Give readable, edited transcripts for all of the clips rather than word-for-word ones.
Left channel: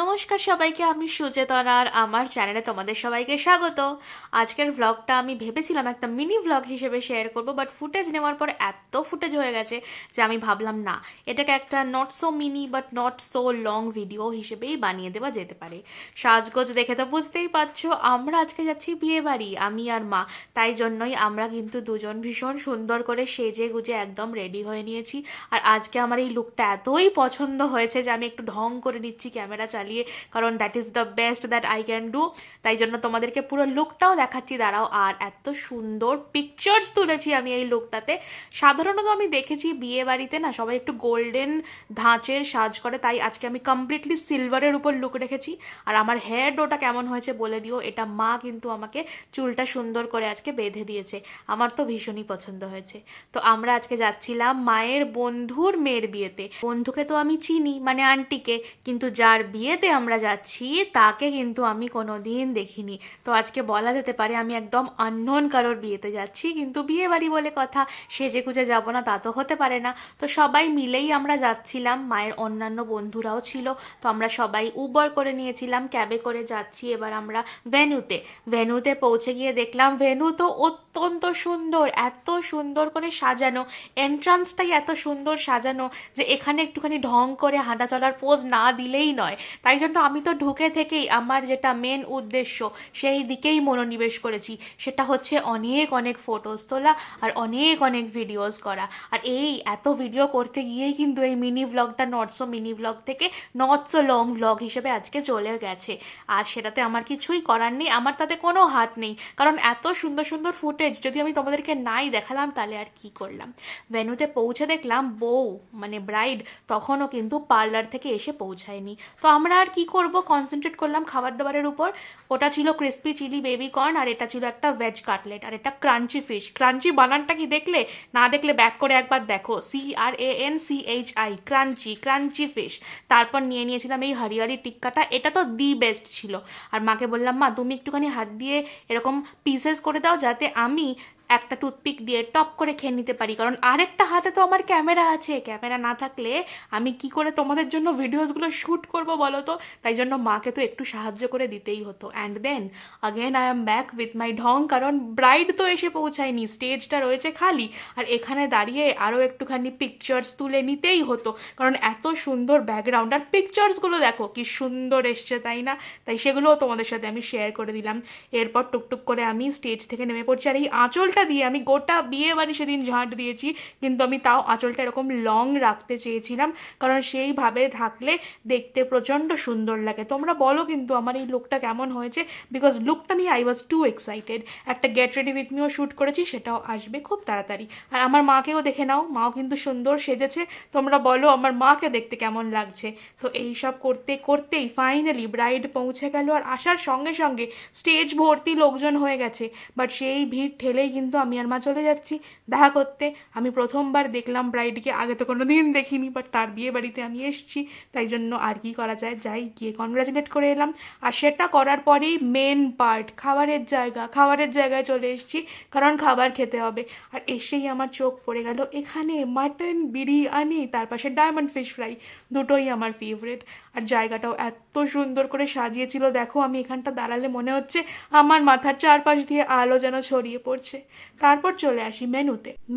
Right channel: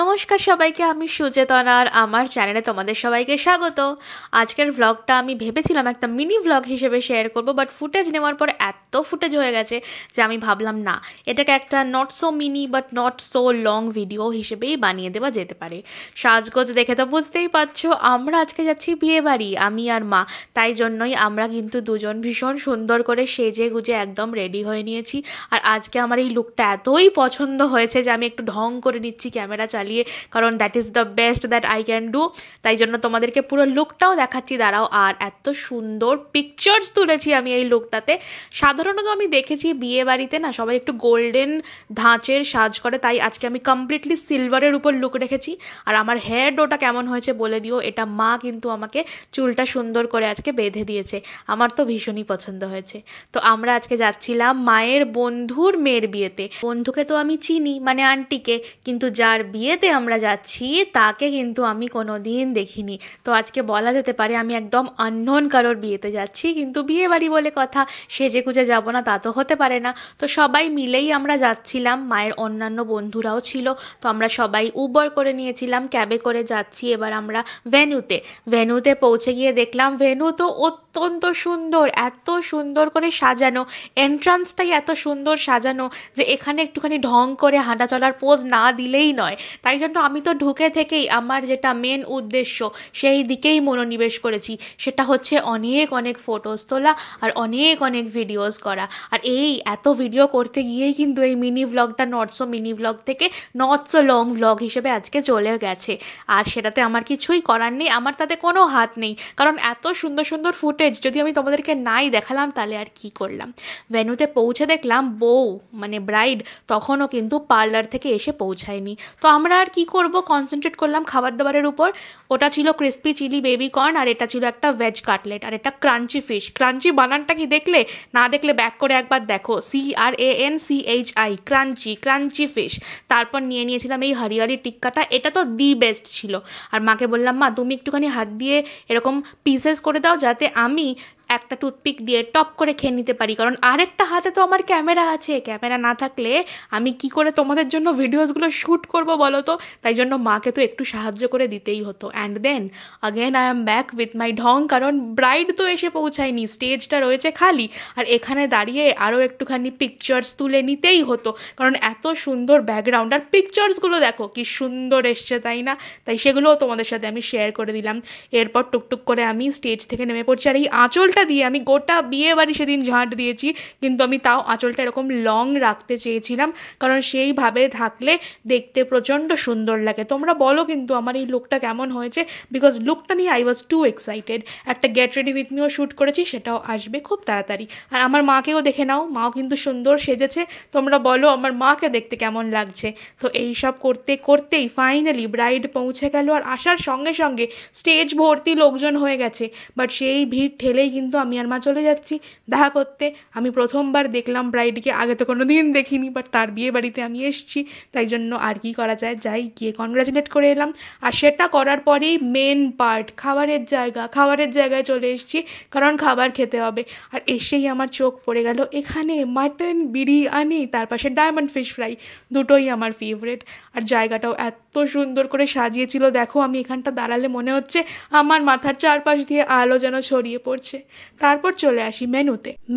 নমস্কার সবাইকে, আমি সুচেতনা আর আমার চ্যানেলে তোমাদের সবাইকে স্বাগত। আজকের ভ্লগটা আমি ভেবেছিলাম একটা মিনি ভ্লগ হিসেবে শেয়ার করব, বাট ফুটেজ নেওয়ার পর এত ফুটেজ হয়ে গেছে যে আমি ভাবলাম না, এটাকে একটা not so mini but not so long video হিসেবেই বানিয়ে দেওয়া যেতে পারে। সাজগোজ দেখে তো বুঝতেই পারছো, আমরা আজকে যাচ্ছি বিয়ে বাড়ি, আমি আর মা। তাই জন্যই আমরা কিন্তু দুজন ভীষণ সুন্দর করে সেজে গুজে একদম রেডি হয়ে নিয়েছি। আর আজকে আমার এই লুকটা এতই পছন্দ হয়েছে যে আমি একটু ঢং করে নিচ্ছি ক্যামেরা চালিয়ে, কারণ that is the best that I can do. তাই জন্য তোমাদেরকে পুরো লুকটাও দেখাচ্ছি, দাঁড়াও। আর এত সুন্দর পিকচার্স তুলেছি আমি এই লুকটাতে। সাধারণত আমি দেখেছি বিয়ে বাড়িতে না সবাই একটু গোল্ডেন ধাঁচের সাজ করে, তাই আজকে আমি কমপ্লিটলি সিলভারের উপর লুক রেখেছি। আর আমার হেয়ার ডোটা কেমন হয়েছে বলে দিও, এটা মা কিন্তু আমাকে চুলটা সুন্দর করে আজকে বেঁধে দিয়েছে, আমার তো ভীষণই পছন্দ হয়েছে। তো আমরা আজকে যাচ্ছিলাম মায়ের বন্ধুর মেয়ের বিয়েতে। বন্ধুকে তো আমি চিনি, মানে আন্টিকে, কিন্তু যার বিয়েতে আমরা যাচ্ছি তাকে কিন্তু আমি কোনোদিন দেখিনি। তো আজকে বলা যেতে পারে আমি একদম আননোন কারোর বিয়েতে যাচ্ছি, কিন্তু বিয়ে বাড়ি বলে কথা, সেজে গুজে যাবো না তা তো হতে পারে না। তো সবাই মিলেই আমরা যাচ্ছিলাম, মায়ের অন্যান্য বন্ধুরাও ছিল। তো আমরা সবাই উবার করে নিয়েছিলাম, ক্যাবে করে যাচ্ছি এবার আমরা ভেন্যুতে পৌঁছে গিয়ে দেখলাম ভেন্যু তো অত্যন্ত সুন্দর, এত সুন্দর করে সাজানো, এন্ট্রান্সটাই এত সুন্দর সাজানো যে এখানে একটুখানি ঢং করে হাঁটা চলার পোজ না দিলেই নয়। তাই জন্য আমি তো ঢুকে থেকেই আমার যেটা মেন উদ্দেশ্য সেই দিকেই মনোনিবেশ করেছি, সেটা হচ্ছে অনেক অনেক ফটোস তোলা আর অনেক অনেক ভিডিওস করা। আর এই এত ভিডিও করতে গিয়েই কিন্তু এই মিনি ভ্লগটা নট সো মিনি ভ্লগ থেকে নট সো লং ভ্লগ হিসেবে আজকে চলে গেছে। আর সেটাতে আমার কিছুই করার নেই, আমার তাতে কোনো হাত নেই, কারণ এত সুন্দর সুন্দর ফুটেজ যদি আমি তোমাদেরকে নাই দেখালাম তাহলে আর কি করলাম। ভেন্যুতে পৌঁছে দেখলাম বউ মানে ব্রাইড তখনও কিন্তু পার্লার থেকে এসে পৌঁছায়নি। তো আমরা আর কি করব, কনসেন্ট্রেট করলাম খাবার দাবারের উপর। ওটা ছিল ক্রিস্পি চিলি বেবি কর্ন, আর এটা ছিল একটা ভেজ কাটলেট, আর এটা ক্রাঞ্চি ফিশ। ক্রাঞ্চি বানানটা কি দেখলে? না দেখলে ব্যাক করে একবার দেখো, CRANCHI, ক্রাঞ্চি, ক্রাঞ্চি ফিশ। তারপর নিয়েছিলাম এই হরিয়ালি টিক্কাটা, এটা তো দি বেস্ট ছিল। আর মাকে বললাম, মা তুমি একটুখানি হাত দিয়ে এরকম পিসেস করে দাও যাতে আমি একটা টুথপিক দিয়ে টপ করে খেয়ে নিতে পারি, কারণ আরেকটা হাতে তো আমার ক্যামেরা আছে, ক্যামেরা না থাকলে আমি কি করে তোমাদের জন্য ভিডিওসগুলো শ্যুট করবো বলো তো। তাই জন্য মাকে তো একটু সাহায্য করে দিতেই হতো। And then again I am back with my ঢং, কারণ ব্রাইড তো এসে পৌঁছায়নি, স্টেজটা রয়েছে খালি, আর এখানে দাঁড়িয়ে আরও একটুখানি পিকচার্স তুলে নিতেই হতো, কারণ এত সুন্দর ব্যাকগ্রাউন্ড আর পিকচার্সগুলো দেখো কি সুন্দর এসছে, তাই না? তাই সেগুলোও তোমাদের সাথে আমি শেয়ার করে দিলাম। এরপর টুকটুক করে আমি স্টেজ থেকে নেমে পড়ছি, আর এই আঁচলটা দিয়ে আমি গোটা বিয়ে বাড়ি সেদিন ঝাঁট দিয়েছি, কিন্তু আমি তাও আঁচলটা এরকম লং রাখতে চেয়েছিলাম, কারণ সেইভাবে থাকলে দেখতে প্রচণ্ড সুন্দর লাগে। তোমরা বলো কিন্তু আমার এই লুকটা কেমন হয়েছে, বিকজ লুকটা নিয়ে আই ওয়াজ টু এক্সাইটেড। একটা গেট রেডি উইথ মিও শ্যুট করেছি, সেটাও আসবে খুব তাড়াতাড়ি। আর আমার মাকেও দেখে নাও, মাও কিন্তু সুন্দর সেজেছে। তোমরা বলো আমার মাকে দেখতে কেমন লাগছে। তো এই সব করতে করতেই ফাইনালি ব্রাইড পৌঁছে গেল, আর আসার সঙ্গে সঙ্গে স্টেজ ভর্তি লোকজন হয়ে গেছে। বাট সেই ভিড় ঠেলেই কিন্তু আমি আর মা চলে যাচ্ছি দেখা করতে। আমি প্রথমবার দেখলাম ব্রাইডকে, আগে তো কোনো দিন দেখিনি, বাট তার বিয়ে বাড়িতে আমি এসেছি, তাই জন্য আর কি করা যায়, যাই গিয়ে কনগ্রাচুলেট করে এলাম। আর সেটা করার পরেই মেন পার্ট, খাবারের জায়গায় চলে এসেছি, কারণ খাবার খেতে হবে। আর এসেই আমার চোখ পড়ে গেল এখানে মাটন বিরিয়ানি, তার পাশে ডায়মন্ড ফিশ ফ্রাই, দুটোই আমার ফেভারিট। আর জায়গাটাও এত সুন্দর করে সাজিয়েছিল, দেখো আমি এখানটা দাঁড়ালে মনে হচ্ছে আমার মাথার চারপাশ দিয়ে আলো যেন ছড়িয়ে পড়ছে। তারপর চলে আসি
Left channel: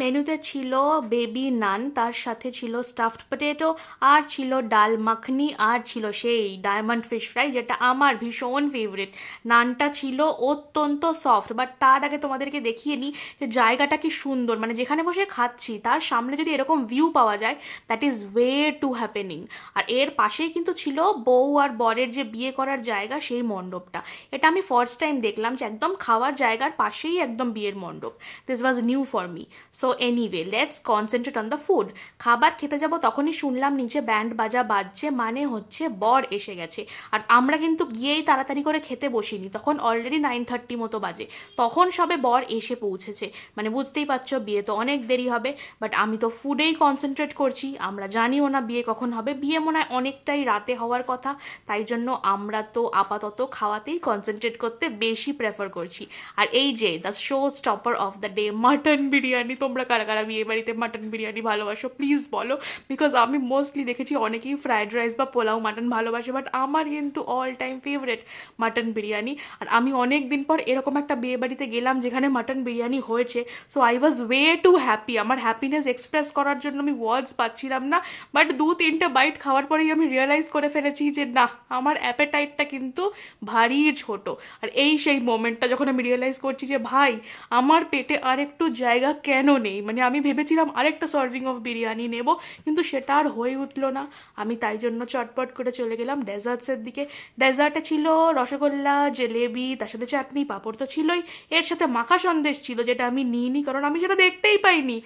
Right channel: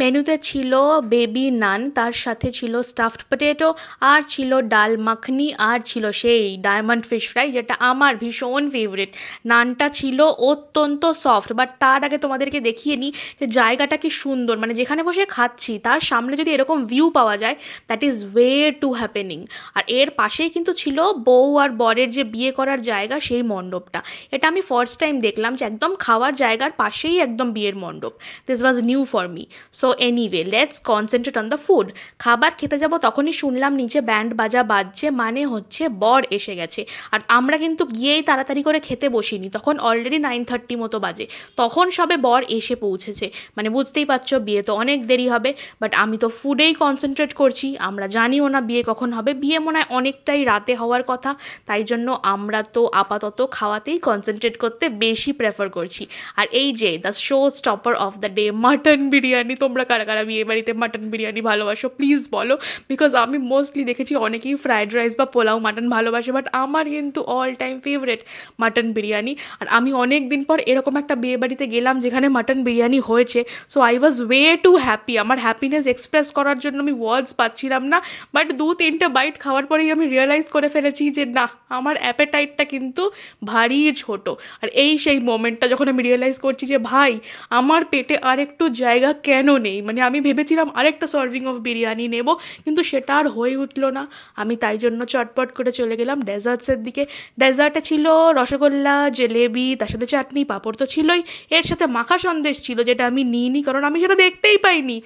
মেনুতে ছিল বেবি নান, তার সাথে ছিল স্টাফড পটেটো, আর ছিল ডাল মাখনি, আর ছিল সেই ডায়মন্ড ফিশ ফ্রাই, যেটা আমার ভীষণ ফেভারিট। নানটা ছিল অত্যন্ত সফট, বাট তার আগে তোমাদেরকে দেখিয়ে নিই যে জায়গাটা কি সুন্দর, মানে যেখানে বসে খাচ্ছি তার সামনে যদি এরকম ভিউ পাওয়া যায়, that is way to happening. আর এর পাশেই কিন্তু ছিল বউ আর বরের যে বিয়ে করার জায়গা, সেই মণ্ডপটা। এটা আমি ফার্স্ট টাইম দেখলাম যে একদম খাওয়ার জায়গার পাশেই একদম বিয়ের মণ্ডপ। This was new for me. So anyway, let's concentrate on the food. খাবার খেতে যাব তখনই শুনলাম নিচে ব্যান্ড বাজা বাজছে, মানে হচ্ছে বর এসে গেছে। আর আমরা কিন্তু গিয়েই তাড়াতাড়ি করে খেতে বসিনি, তখন অলরেডি 9:30 মতো বাজে, তখন সবে বর এসে পৌঁছেছে। মানে বুঝতেই পারছো বিয়ে তো অনেক দেরি হবে, বাট আমি তো ফুডেই কনসেন্ট্রেট করছি। আমরা জানিও না বিয়ে কখন হবে, বিয়ে মনে হয় অনেকটাই রাতে হওয়ার কথা, তাই জন্য আমরা তো আপাতত খাওয়াতেই কনসেন্ট্রেট করতে বেশি প্রেফার করছি। আর এই যে the show stopper of the day mutton biryani. তোমরা কারা কারা বিয়ে বাড়িতে মাটন বিরিয়ানি ভালোবাসো প্লিজ বলো, বিকজ আমি মোস্টলি দেখেছি অনেকেই ফ্রাইড রাইস বা পোলাও মাটন ভালোবাসে, বাট আমার কিন্তু all time favourite mutton biryani. আর আমি অনেক দিন পর এরকম একটা বিয়ে বাড়িতে গেলাম যেখানে মাটন বিরিয়ানি হয়েছে, so I was way to happy. আমার হ্যাপিনেস এক্সপ্রেস করার জন্য আমি ওয়ার্ডস পাচ্ছিলাম না, বাট 2-3টে বাইট খাওয়ার পরেই আমি রিয়েলাইজ করে ফেলেছি যে না, আমার অ্যাপেটাইটটা কিন্তু ভারী ছোট। আর এই সেই মোমেন্টটা যখন আমি রিয়েলাইজ করছি যে ভাই আমার পেটে আর একটু জায়গা কেন নেই, মানে আমি ভেবেছিলাম আরেকটা সার্ভিং অফ বিরিয়ানি নেব, কিন্তু সেটা আর হয়ে উঠলো না। আমি তাই জন্য চটপট করে চলে গেলাম ডেজার্টসের দিকে। ডেজার্টে ছিল রসগোল্লা, জিলেবি, তার সাথে চাটনি, পাঁপড় তো ছিলই, এর সাথে মাখা সন্দেশ ছিল যেটা আমি নিইনি কারণ আমি সেটা দেখতেই পাইনি।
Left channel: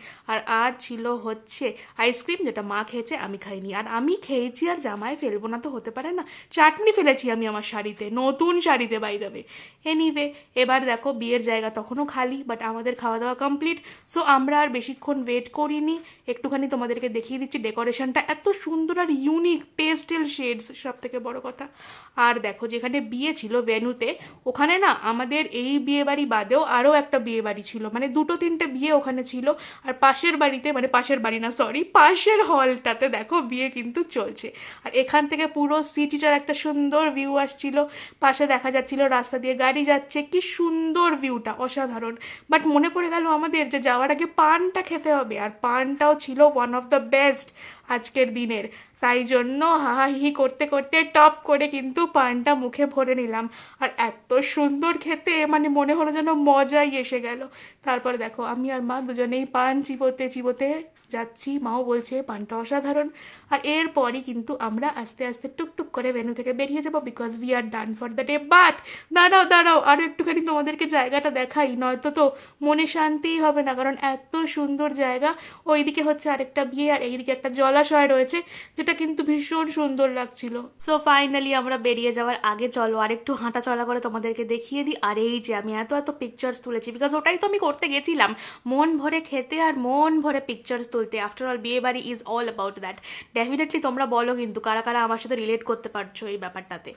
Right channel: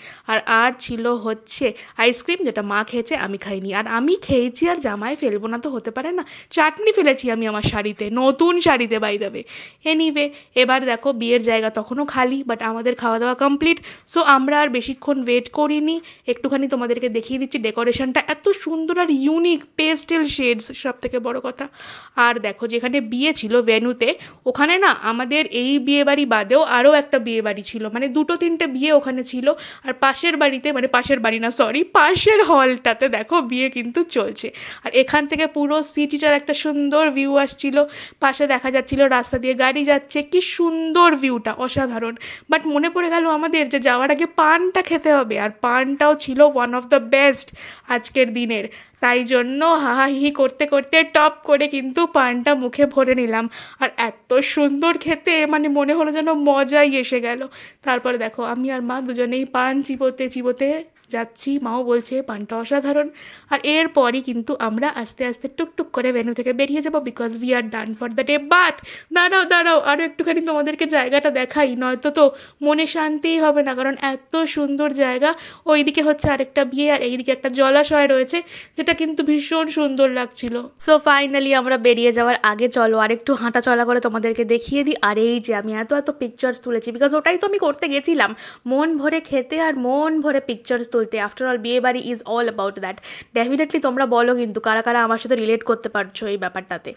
আর ছিল হচ্ছে আইসক্রিম, যেটা মা খেয়েছে আমি খাইনি, আর আমি খেয়েছি আর জামাই ফেলবো না তো হতে পারে না। চাটনি ফেলেছি আমি আমার শাড়িতে, নতুন শাড়িতে বাই দেবে। এনিওয়ে, এবার দেখো বিয়ের জায়গা তখনও খালি, বাট আমাদের খাওয়া দাওয়া কমপ্লিট। সো আমরা আর বেশিক্ষণ ওয়েট করিনি, একটুখানি তোমাদেরকে দেখিয়ে দিচ্ছি ডেকোরেশনটা এত সুন্দর আর ইউনিক, পেস্টেল শেডস সব থেকে বড় কথা। আর দেখো যেখানে বিয়ে ছিল ভেন্যুতে, ওখানে না আমাদের এই বিয়ে বাড়ি বাদেও আরও একটা বিয়ে বাড়ি ছিল, মানে 2-3টে বিয়ে ওখানে ছিল। আর পাশের বাড়িতে, মানে পাশের বাড়ি না সরি, পাশের হলটাতে দেখো বিয়ে কিন্তু চলছে। আর এখান থেকে পুরো সিটিটার একটা সুন্দর ভিউ আসছিল, পাশে দেখা যাচ্ছিল রাস্তা দিয়ে গাড়ি যাচ্ছে, কি সুন্দর ভিউটা, অসাধারণ। বাট মনে পড়ে গেল আমাদের যে যাওয়ার আগে পানটা খেতে হবে, আর পানটাও ছিল ওয়ান অফ দ্য বেস্ট আজকের দিনের। তাই জন্য হাহাহি করতে করতে টপ করে কিন্তু পানটা মুখে ভরে নিলাম, আর এত সুন্দর খেতে, মানে মনে হলো যেন মজাই এসে গেল। তারপরে দেখো আমি আর মা দুজনেই পান চিবোতে চিবোতে যাচ্ছি, মাও বলছে পানটা অসাধারণ। আর এরপরই কিন্তু আমরা আস্তে আস্তে টুকটুক করে ভেন্যু থেকে বেরিয়ে যাবো, because we are done for the day. But দাঁড়াও আরও একটুখানি তোমাদেরকে জায়গাটা দেখাই, নয়তো তো মনে শান্তিই হবে না, কারণ এত সুন্দর জায়গা। ওইদিকে হচ্ছে আরেকটা বিয়ে, আর এইদিকে একটা জলাশয় রয়েছে যেটা কিন্তু ভীষণ সুন্দর লাগছিল। সো ফাইনালি আমরা বেরিয়ে যাওয়ার আগে চলো আর একটু হাঁটা চলা করে তোমাদেরকে দেখিয়ে দিই। আর এই যে আমি এত পিকচার্স তুলেছি, বিকজ ওটাই তো আমি করতে গেছিলাম, মন ভরে খেতে আর মন ভরে পিকচার্স তুলতে। আফটার অল বিয়ে বাড়ি is all about that. Definitely তোমরা বলো কিন্তু কারা কারা আমার সাথে রিলেট করতে পারছো এই ব্যাপারটাতে।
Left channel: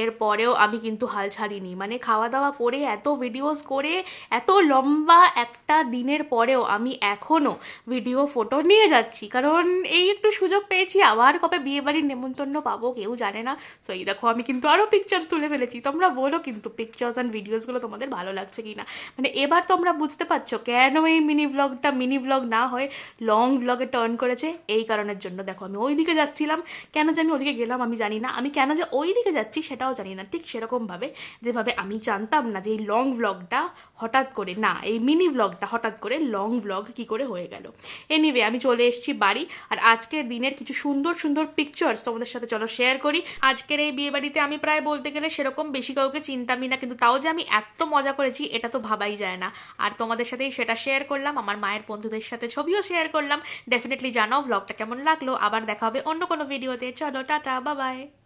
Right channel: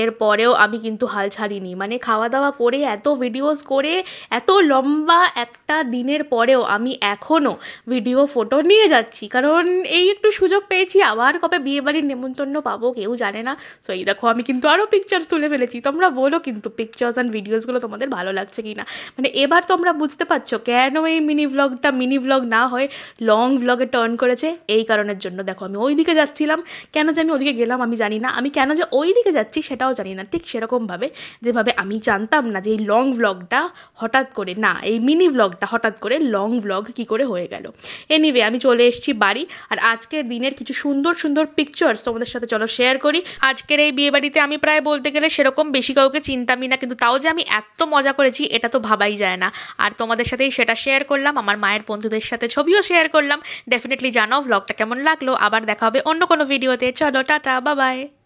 এরপরেও আমি কিন্তু হাল ছাড়িনি, মানে খাওয়া দাওয়া করে এত ভিডিওস করে এত লম্বা একটা দিনের পরেও আমি এখনও ভিডিও ফটো নিয়ে যাচ্ছি, কারণ এই একটু সুযোগ পেয়েছি। আবার কবে বিয়ে বাড়ির নেমন্তন্ন পাবো কেউ জানে না। সো এই দেখো আমি কিন্তু আরও পিকচার্স তুলে ফেলেছি। তোমরা বলো কিন্তু পিকচার্স অ্যান্ড ভিডিওসগুলো তোমাদের ভালো লাগছে কি না। মানে এবার তোমরা বুঝতে পারছো কেন এই মিনি ব্লগটা মিনি ব্লগ না হয়ে লং ব্লগে টার্ন করেছে, এই কারণের জন্য। দেখো আমি ওই দিকে যাচ্ছিলাম, কেন যে আমি ওদিকে গেলাম আমি জানি না, আমি কেন যে ওই দিকে যাচ্ছি সেটাও জানি না। ঠিক সেরকমভাবে যেভাবে আমি জানতাম না যে এই লং ব্লগটা হঠাৎ করে, না এই মিনি ব্লগটা হঠাৎ করে লং ব্লগ কী করে হয়ে গেল। এনিওয়ে আমি চলে এসেছি বাড়ি, আর আজকের দিনের কিছু সুন্দর সুন্দর পিকচার্স তোমাদের সাথে চলো শেয়ার করি। আজকের এই বিয়ে বাড়িতে আমি প্রায় বলতে গেলে সেরকম বেশি কাউকে চিনতামই না, কিন্তু তাও যে আমি এত মজা করেছি এটা তো ভাবাই যায় না। আর তোমাদের সাথেই সেটা শেয়ার করলাম, আমার মায়ের বন্ধুদের সাথে ছবিও শেয়ার করলাম। ডেফিনেটলি জানাও ব্লগটা কেমন লাগলো। আবার দেখা হবে অন্য কোনো ভিডিওতে। চলো টাটা, বাই বাই।